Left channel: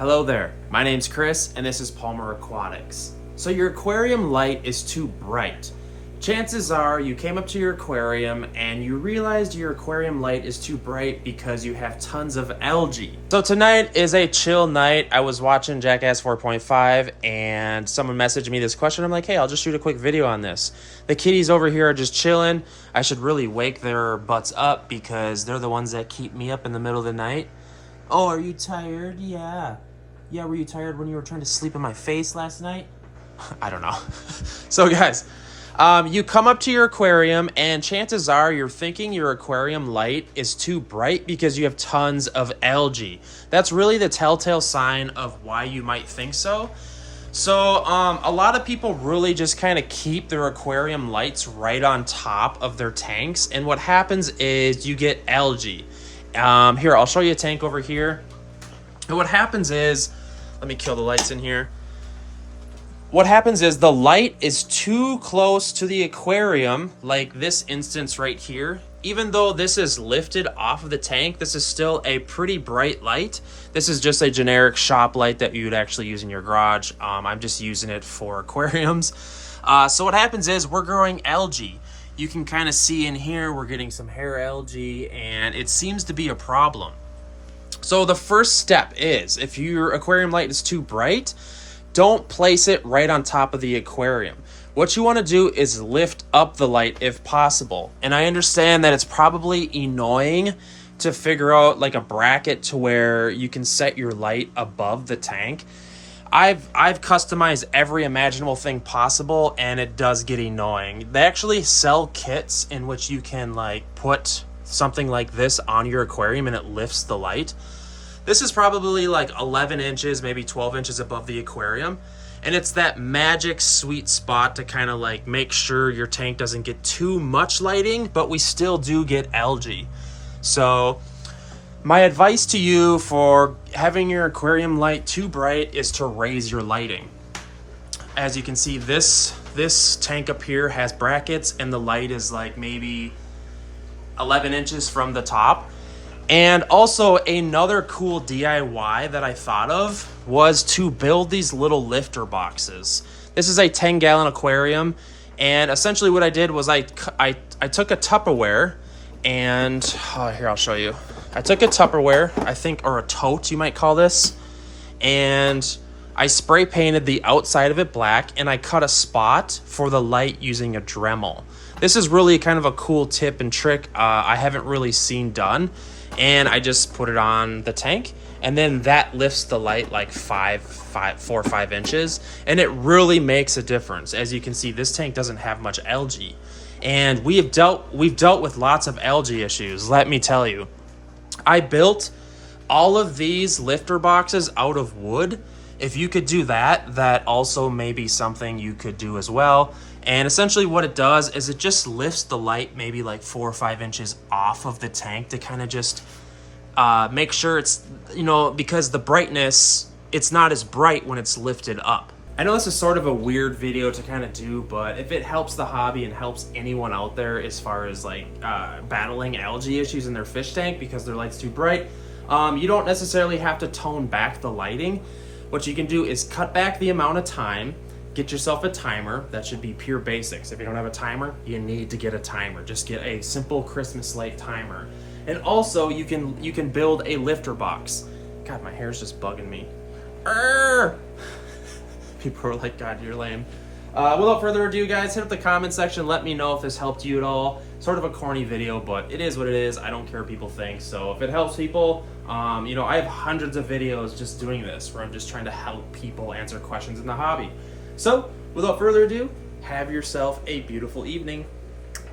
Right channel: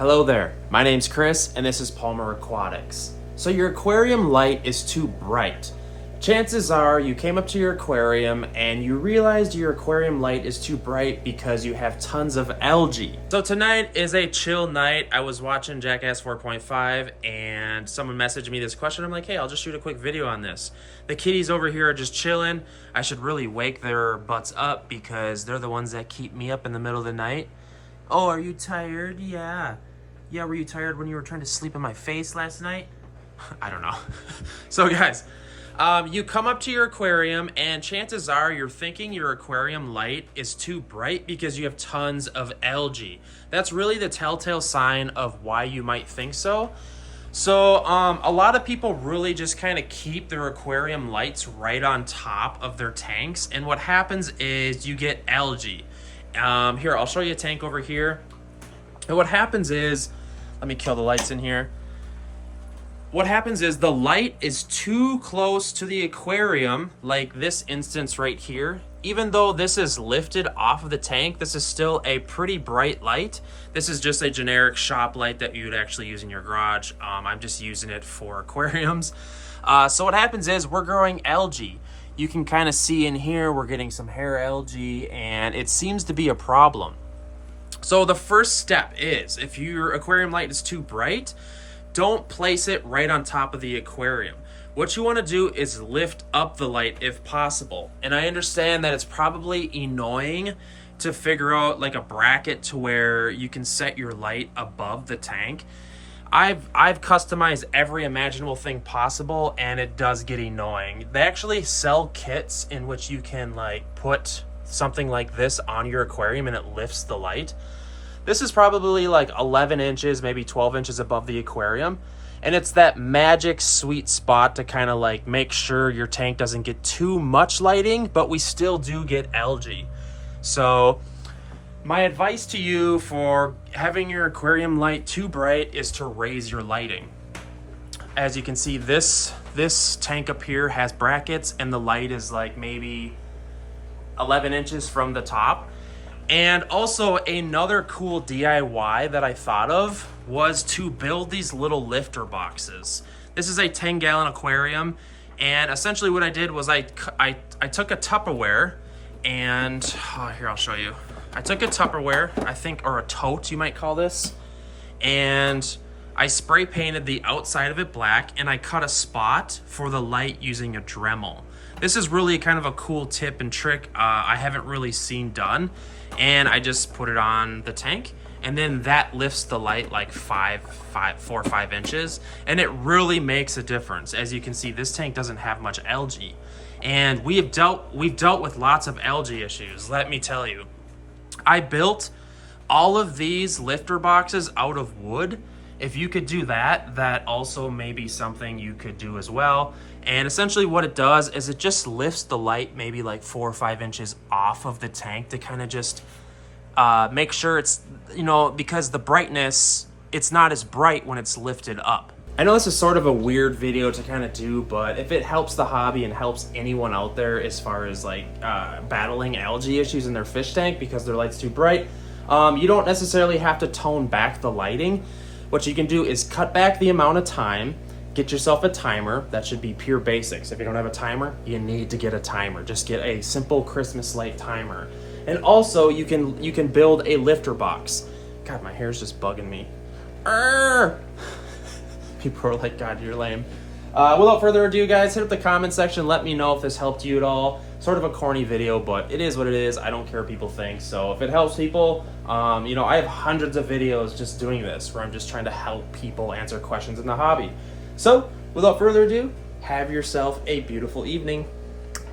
Hello there, my name's Chris and this is Palmer Aquatics. So your aquarium light is too bright. Chances are you came up to your aquarium and you realized your aquarium light is too bright because you have tons of algae. So tonight is a chill night. I was watching Jackass 4.5 and someone messaged me this question. I'm like, hey, I'll just shoot a quick video on this. The kitties over here are just chilling. I should really wake their butts up because they're the ones that keep me up in the middle of the night. Oh, are you tired? Yeah. Yeah, were you tired when you were trying to sleep in my face last night? I don't know. So guys, you come up to your aquarium and chances are you're thinking your aquarium light is too bright because you have tons of algae. That's really the telltale sign of why you might think so. So a lot of people really just kind of keep their aquarium lights right on top of their tanks. And what happens is you get algae. Here, I'll show you a tank over here. And what happens is, let me kill the lights in here. What happens is the light is too close to the aquarium, like this instance right here. Even though this is lifted off of the tank, this is still a pretty bright light. This is just a generic shop light that you would actually use in your garage. I'm just using it for aquariums. So what happens is we're growing algae. You can kind of see in here, we're getting some hair algae and it seems to be a problem. So the first step is, if your aquarium light is too bright, don't place it right on top of the aquarium. What you want to do is lift up the light if possible. And I understand that it's probably annoying to figure out like a bracket to where you can set your light above the tank. I've customized every imaginable thing possible and it does get annoying. They actually sell kits in which you can like put something like this on your aquarium and it lifts the light. This is probably like 11 inches, maybe 12 inches above the aquarium. And it's that magic sweet spot to kind of like make sure your tank doesn't get too much lighting, but we still do get algae. So my advice to you for having your aquarium light too bright is to raise your lighting. As you can see, this tank up here has brackets and the light is like maybe 11 inches from the top. And also another cool DIY that I thought of was to build these little lifter boxes. This is a 10-gallon aquarium, and essentially what I did was I took a Tupperware and here, I'll show you. I took a Tupperware, I think, or a tote you might call this, and I spray painted the outside of it black and I cut a spot for the light using a Dremel. This is really kind of a cool tip and trick I haven't really seen done. And I just put it on the tank and then that lifts the light like 4 or 5 inches. And it really makes a difference. As you can see, this tank doesn't have much algae. And we've dealt with lots of algae issues, let me tell you. I built all of these lifter boxes out of wood. If you could do that, that also may be something you could do as well. And essentially what it does is it just lifts the light maybe like 4 or 5 inches off of the tank to kind of just make sure it's, you know, because the brightness, it's not as bright when it's lifted up. I know this is sort of a weird video to kind of do, but if it helps the hobby and helps anyone out there as far as like battling algae issues in their fish tank because their light's too bright, you don't necessarily have to tone back the lighting. What you can do is cut back the amount of time. Get yourself a timer. That should be pure basics. If you don't have a timer, you need to get a timer. Just get a simple Christmas light timer. And also you can build a lifter box. God, my hair's just bugging me. People are like, God, you're lame. Without further ado, guys, hit up the comment section. Let me know if this helped you at all. Sort of a corny video, but it is what it is. I don't care what people think. So if it helps people, you know, I have hundreds of videos just doing this where I'm just trying to help people answer questions in the hobby. So, without further ado, have yourself a beautiful evening.